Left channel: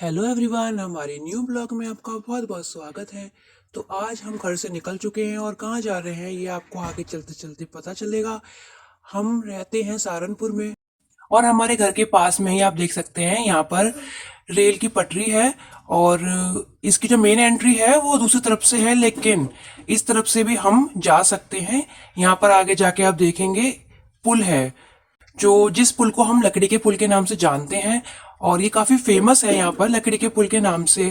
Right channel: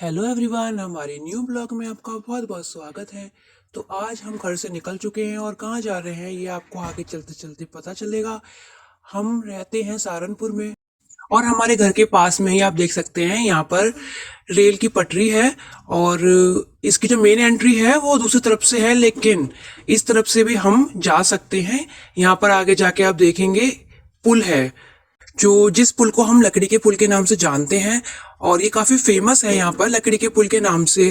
Hello everyone, हमारे new blog में आपका बहुत बहुत स्वागत है। तो आज हम घर से निकल चुके हैं और कहाँ जा रहे हैं ये आपको आगे चलते चलते पता चलेगा। हम रहते हैं सहारनपुर में और हमारे घर के पास में ही आप देख सकते हैं यहाँ पर रेल की पटरी है। और इसकी जो मेन एंट्री है वो दूसरी तरफ से है, लेकिन इस तरफ से भी हम जा सकते हैं। यहाँ पर आगे जाके आप देखेंगे पुल है, जो जिस पुल को हम लकड़ी के पुल के नाम से जानते हैं। और ये काफी फेमस है यहाँ पर लकड़ी के पुल के नाम से।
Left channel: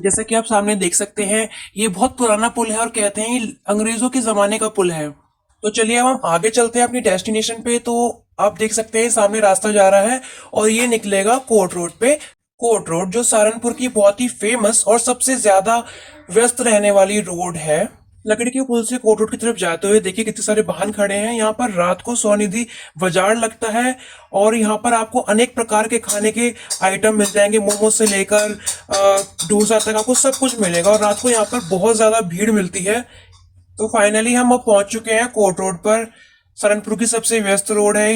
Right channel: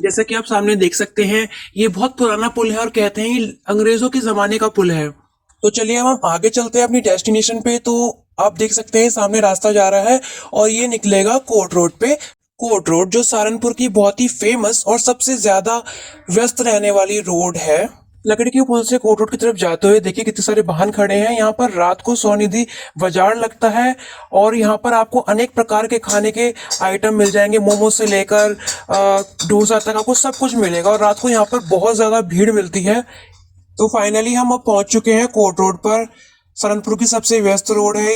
जैसे कि आप सामने देख सकते हैं, ये बहुत पुराना पुल है और कहते हैं ये अंग्रेजों के जमाने का पुल है। तो चलिए अब हम आगे चलते हैं अपनी डेस्टिनेशन पे। तो आप देख सकते हैं सामने रास्ता जा रहा है और ये निकलेगा कोर्ट रोड पे। कोर्ट रोड जो सहारनपुर की बहुत ही फेमस और सबसे ज्यादा व्यस्त रहने वाली रोड है। लकड़ी के पुल से कोर्ट रोड की तरफ जाते हुए देखिए कितने सारे वाहन खड़े हैं। यहाँ पर रात को स्वनिधि बाजार लगता है और यहाँ पर आपको अनेक प्रकार के खाने के आइटम मिल जाएंगे। मोमो से लेकर डोसा तक आपको सब कुछ मिलेगा और रात को यहाँ पर बहुत ज्यादा भीड़ मिलती है। तो फाइनली हम अब पहुंच चुके हैं कोर्ट रोड पर। सहारनपुर की सबसे व्यस्त रोड है।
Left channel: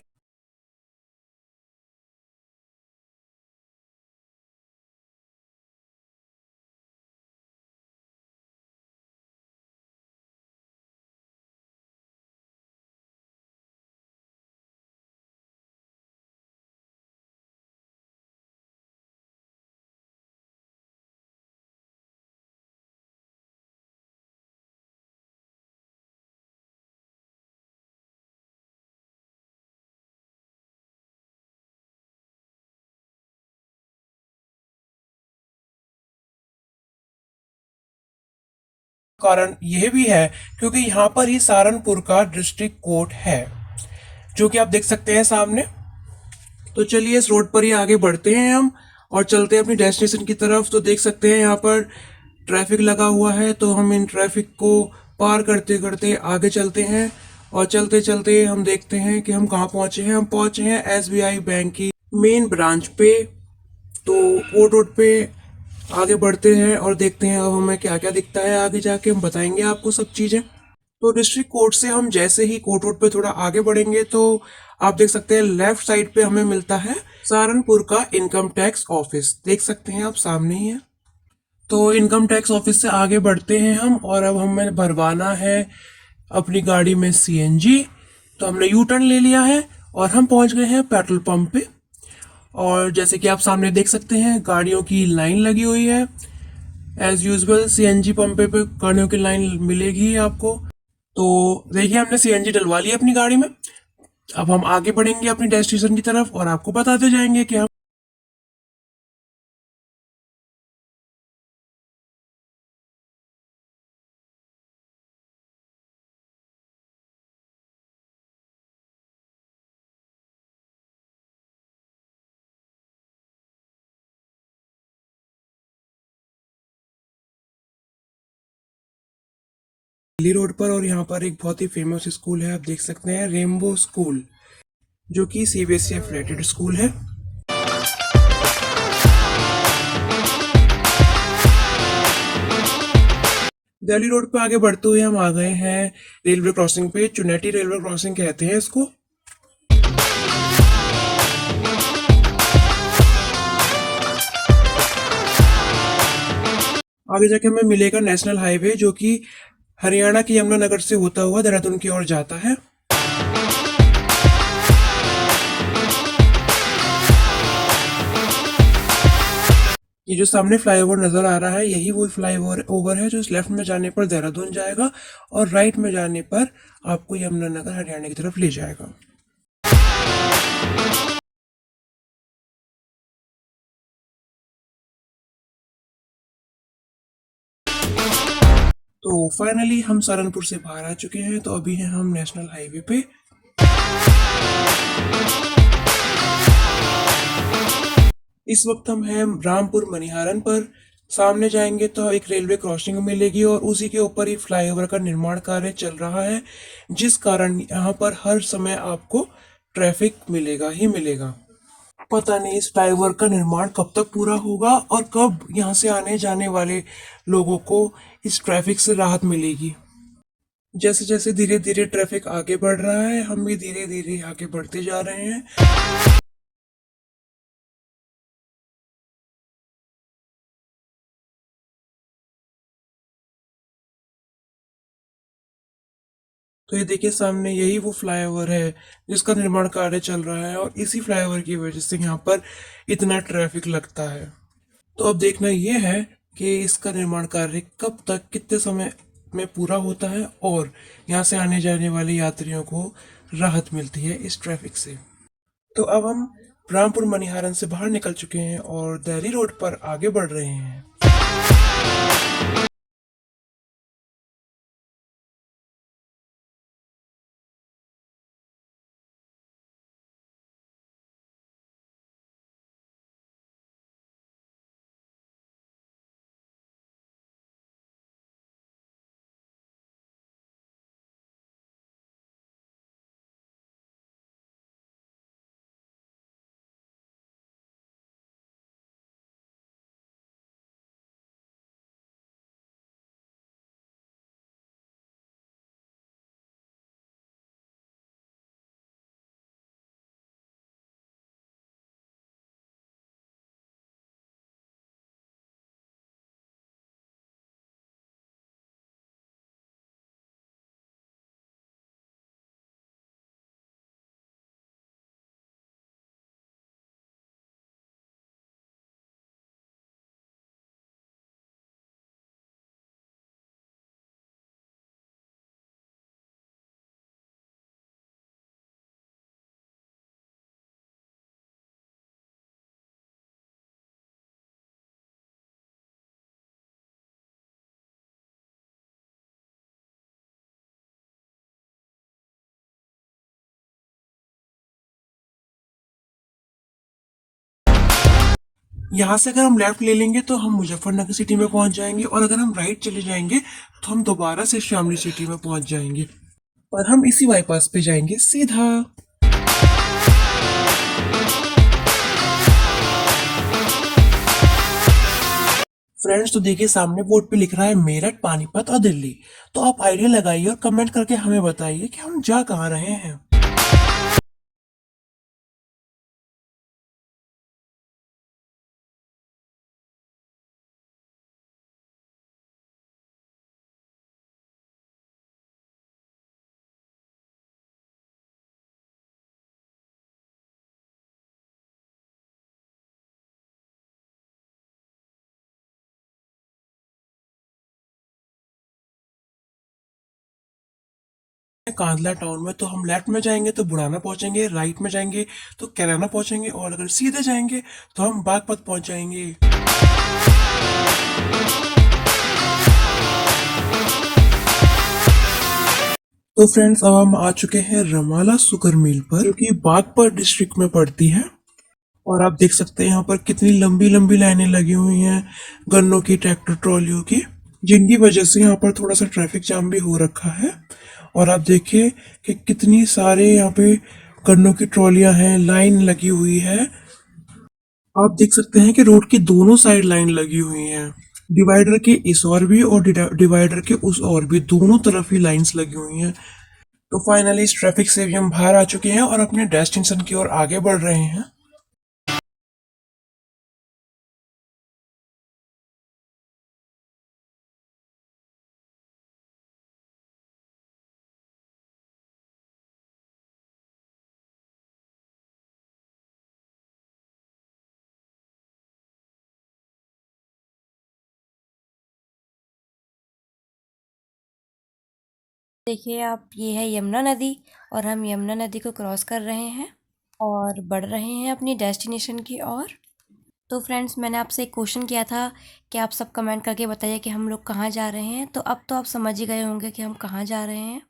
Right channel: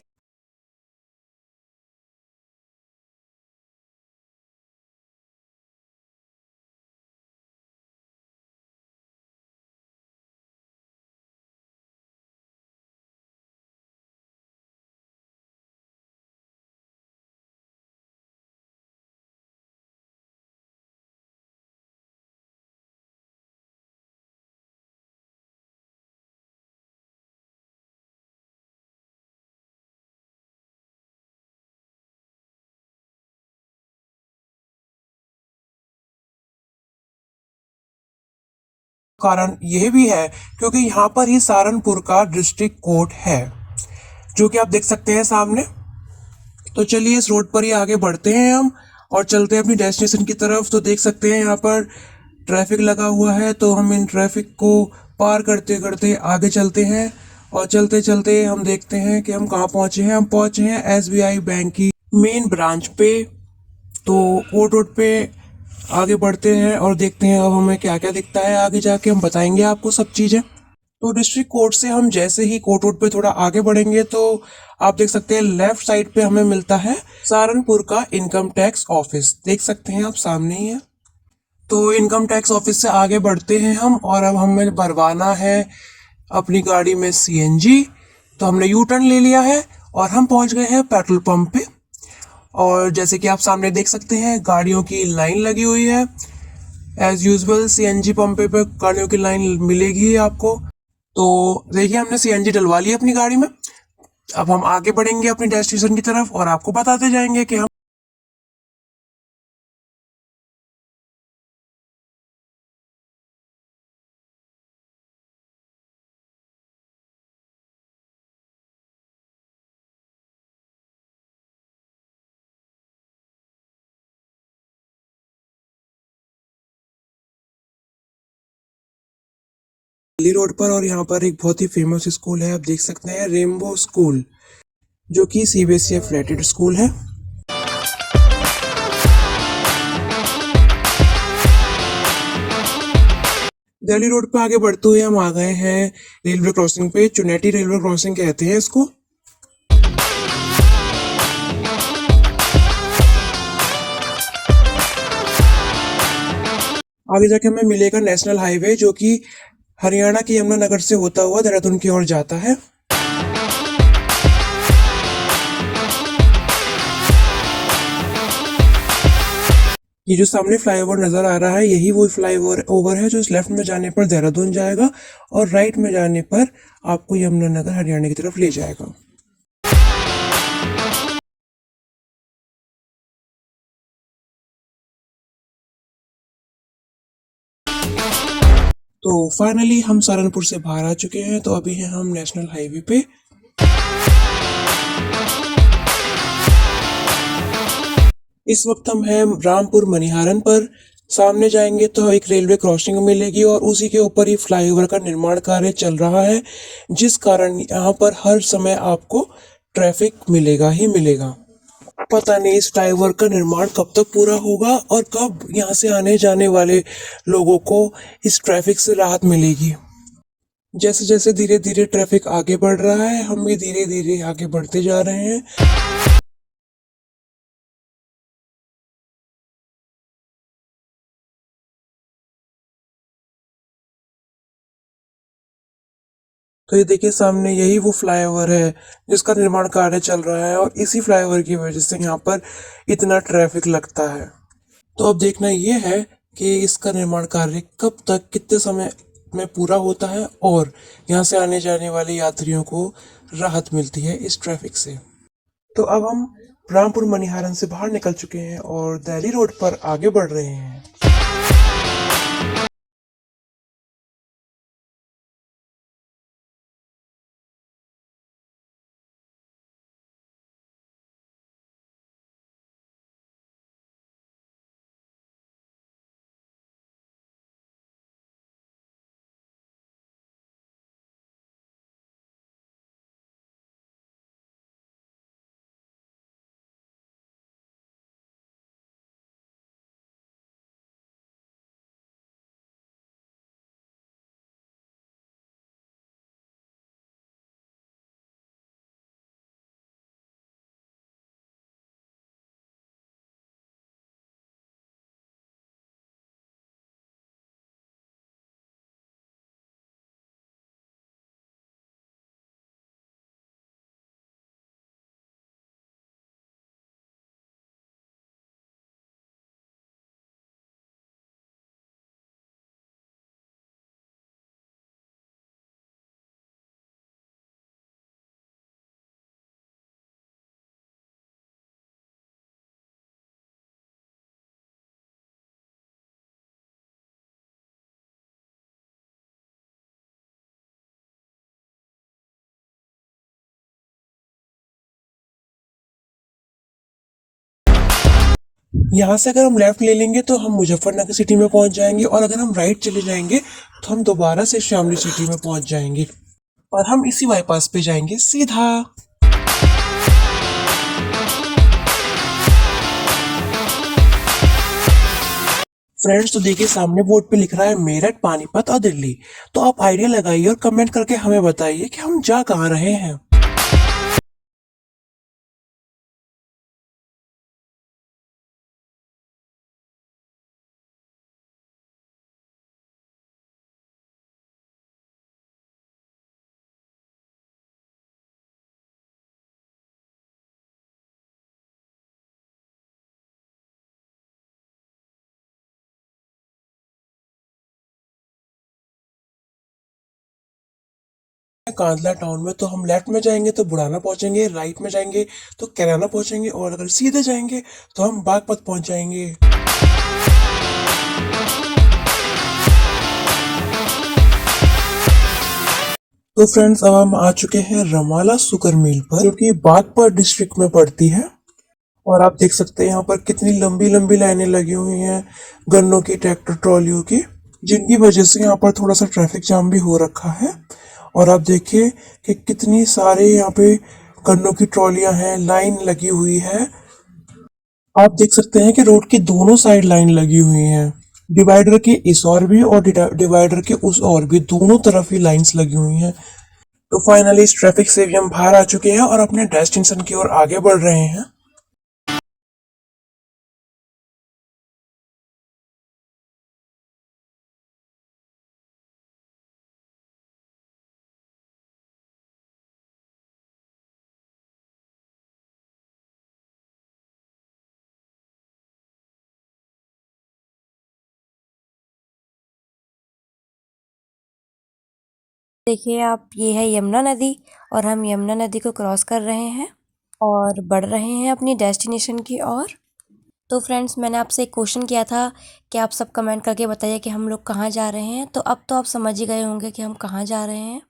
कारण यह भी है क्योंकि यहाँ पर ही सहारनपुर का डिस्ट्रिक्ट कोर्ट है, जो कि आप देख सकते हैं सामने। तो चलिए इस रोड पर ही आगे बढ़ते हैं हम और चलते हैं अपनी डेस्टिनेशन की तरफ। तो देख सकते हैं यहाँ पर ट्रैफिक लगा हुआ है, तो हम इन ट्रैफिक को पार करते करते आगे चलते हैं। और चलते चलते हम देखते हैं कि हम कहाँ पहुंचे हैं। हम पहुंचे हैं एसबीआई बैंक की मेन ब्रांच पे। तो वो रोड पे आगे बढ़ते हैं और देखते हैं अब हमें क्या क्या दिखता है। आगे जाके हम बताएंगे आपको सब चीजें। तो डिस्ट्रिक्ट कोर्ट से हम जैसे ही कोर्ट रोड पे थोड़ा आगे बढ़ेंगे तो आप देख सकते हैं लेफ्ट साइड पे हमें मिलता है सहारनपुर का इनकम टैक्स ऑफिस। देख सकते हैं आप सामने ही है। तो इनकम टैक्स ऑफिस से आगे बढ़ते हैं हम और अब हमें भरवाना है अपनी गाड़ी में सीएनजी। तो हमने यू टर्न ले लिया है और हम पहुंच गए हैं पेट्रोल पंप पे। और जैसे कि आप सामने देख सकते हैं गाड़ियों की लाइन लगी हुई है। एज यूजल सीएनजी पंप पे गाड़ियों की लाइन मिलेगी ही आपको। तो देखिए हमने सीएनजी डलवा ली अपनी गाड़ी में। अब हम आगे बढ़ेंगे अपनी डेस्टिनेशन की तरफ और आपको बताते जाएंगे कि हम। दिल्ली रोड पर और यहाँ पर एक बहुत ही फेमस स्कूल है, आप देख सकते हैं रेनबो स्कूल, जो कि सीबीएसई एफिलिएटेड स्कूल है। दिल्ली रोड पे आगे बढ़ते हुए हम आ गए हैं रेलवे क्रॉसिंग पे। चुनेटी रेलवे क्रॉसिंग कहते हैं इसको। आगे जाके हमें मिलेगा नेशनल हाईवे, जो कि हरियाणा के यमुनानगर से होता हुआ देहरादून की ओर जाता है। ये जो सामने फ्लाईओवर नजर आ रहा है यही वो फ्लाईओवर ओवर है जो इस लेफ्ट में जाने पर देहरादून जाएगा और राइट में जाने पर आपको यमुनानगर हरियाणा की तरफ ले जाएगा। तो फाइनली हम सहारनपुर से बाहर आ चुके हैं। तो अभी हैं हम नेशनल हाईवे पे। इस वक्त हम हैं रामपुर मनिहारन पर। सामने जाएंगे तो एक रेलवे क्रॉसिंग मिलेगी और उसी के ऊपर ही फ्लाईओवर का निर्माण कार्य चल रहा है, जिस कारण यहाँ पर हर समय आपको ट्रैफिक मिलेगा ही मिलेगा। पता नहीं इस फ्लाईओवर का निर्माण कब तक पूरा होगा और कब यहाँ से आने जाने वाले लोगों को इस ट्रैफिक से राहत मिलेगी। जैसे जैसे धीरे धीरे ट्रैफिक आगे बढ़ रहा है, हम भी धीरे धीरे आगे बढ़ते जा रहे हैं। तो ये देखिए सामने यही वो फ्लाईओवर है जिसका निर्माण कार्य चल रहा है और इसी फ्लाईओवर की वजह से यहाँ पर इतना ट्रैफिक लगता है। तो अब देखना ये है कि इसका निर्माण कार्य कब तक कितने समय में पूरा होता है और यहाँ से आने जाने वाले यात्रियों को राहत मिलती है इस ट्रैफिक से। तो अब हम रामपुर मनिहारन से बाहर निकल चुके हैं और दिल्ली रोड पर आगे बढ़ रहे हैं। यहाँ से अगर हम लेफ्ट ले लेंगे तो हम मुजफ्फरनगर सिटी में पहुंच जाएंगे और अगर हम राइट चले जाएंगे तो हम दोबारा से शामली सिटी में पहुंच जाएंगे और हम इसी बाईपास पे जाएंगे सीधा। फ्रेंड्स तो देखिए सामने बोर्ड पे लिख रहा है मेरठ, पानीपत और दिल्ली। तो आप आइडिया लगाइए और कमेंट करके हमें बताइए कि हम जा कहाँ रहे हैं। कांदला टाउन में तो हम लेफ्ट में जाएंगे तो बुढ़ाना पहुंचेंगे, राइट में जाएंगे तो कैराना पहुंचेंगे और अगर सीधे जाएंगे तो हम बागपत पहुंच जाएंगे। तो फ्रेंड्स अब हम आ चुके हैं रमाला शुगर मिल पर जो कि बागपत डिस्ट्रिक्ट में पड़ती है। और आप देख सकते हैं यहाँ पर कितनी लंबी लंबी लाइनें लगी हुई हैं गन्नों की, ट्रैक्टर ट्रॉलियों की, जिनकी वजह से यहाँ पर थोड़ा सा ट्रैफिक जाम भी हो रखा है। और आप देखिए कि कितनी सारे यहाँ पे गन्नों की ट्रॉलियां हैं, लाइन लगी हुई है। आप देख सकते हैं कि रोड के दोनों साइड लाइन लगी हुई है, डिवाइडर के इस और भी और डिवाइडर के उस और भी, दोनों तरफ ही लाइंस लगी हुई हैं। तो फाइनली इस ट्रैफिक से भी हम बाहर आ चुके हैं और अपने डेस्टिनेशन की ओर आगे बढ़ रहे हैं। देखिए आप, ये है यमुना नदी और हम यमुना नदी को क्रॉस कर रहे हैं और बढ़ रहे हैं अपनी डेस्टिनेशन की ओर। तो फ्रेंड्स, मैंने आपसे एक क्वेश्चन किया था कि आप सब कमेंट करके बताइए कि हम लोग कहाँ जा रहे हैं। तो अब तो आप समझ ही गए होंगे कि हम कहाँ जा रहे हैं।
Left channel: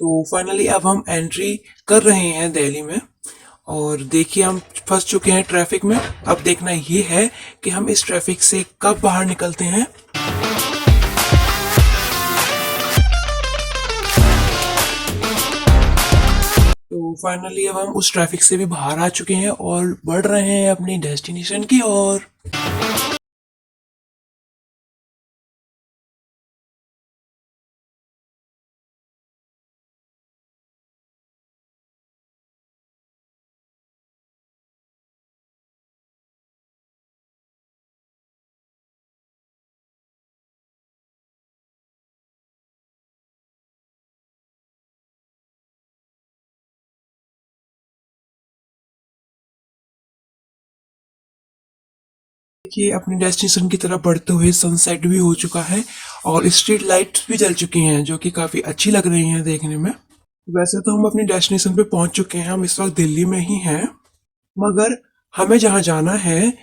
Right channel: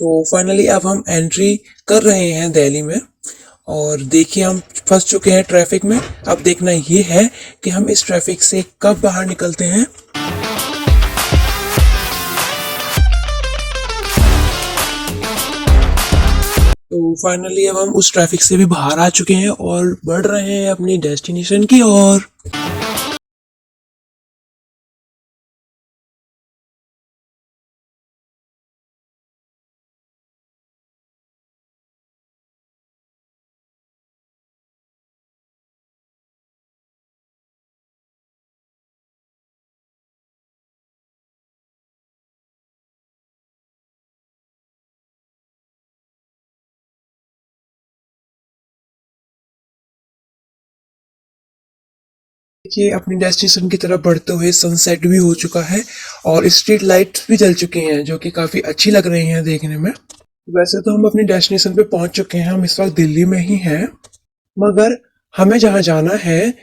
तो फाइनली अब हम एंट्री कर रहे हैं दिल्ली में और देखिए हम फंस चुके हैं ट्रैफिक में। अब देखना ये है कि हम इस ट्रैफिक से कब बाहर निकलते हैं। तो फाइनली अब हम उस ट्रैफिक से भी बाहर आ चुके हैं और बढ़ रहे हैं अपनी डेस्टिनेशन की ओर। देखिए अपनी डेस्टिनेशन की तरफ बढ़ते हुए सनसेट भी हो चुका है और स्ट्रीट लाइट्स भी जल चुकी हैं जो कि काफी अच्छी लग रही हैं देखने में। वैसे तो हम अपनी डेस्टिनेशन पे पहुंच चुके हैं, हम इस वक्त दिल्ली में ही हैं, मगर हमें जहाँ जाना है,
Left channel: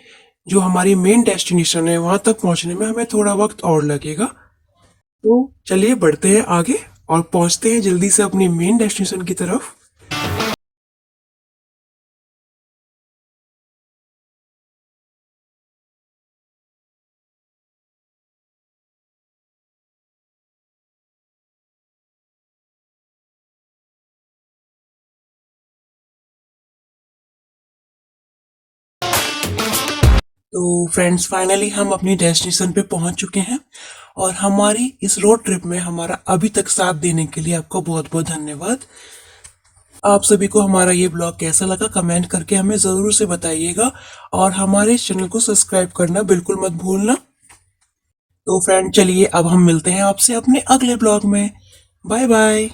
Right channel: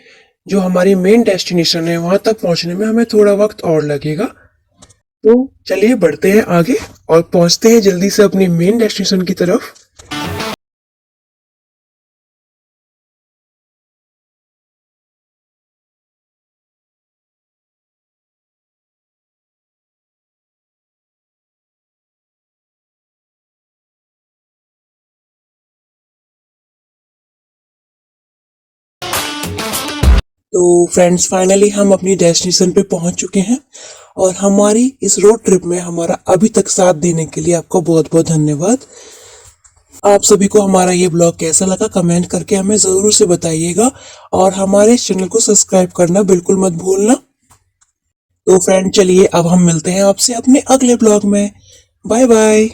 जो हमारी मेन डेस्टिनेशन है, वहां तक पहुंचने में हमें थोड़ा वक्त और लगेगा। तो चलिए बढ़ते हैं आगे और पहुंचते हैं जल्दी से अपनी मेन डेस्टिनेशन की तरफ। तो फ्रेंड्स फाइनली हम अपनी डेस्टिनेशन पे पहुंच चुके हैं और हमारी इस रोड ट्रिप में हमारा अभी तक साथ देने के लिए आपको बहुत बहुत धन्यवाद। आप सभी को हमारा ये ब्लॉग कैसा लगा कमेंट करके हमें ज़रूर से बताइएगा और हमारे इस चैनल को सब्सक्राइब करना बिल्कुल मत भूलना। तो फ्रेंड चलिए अब हम मिलते हैं आपसे अपने अगले ब्लॉग में। Bye bye.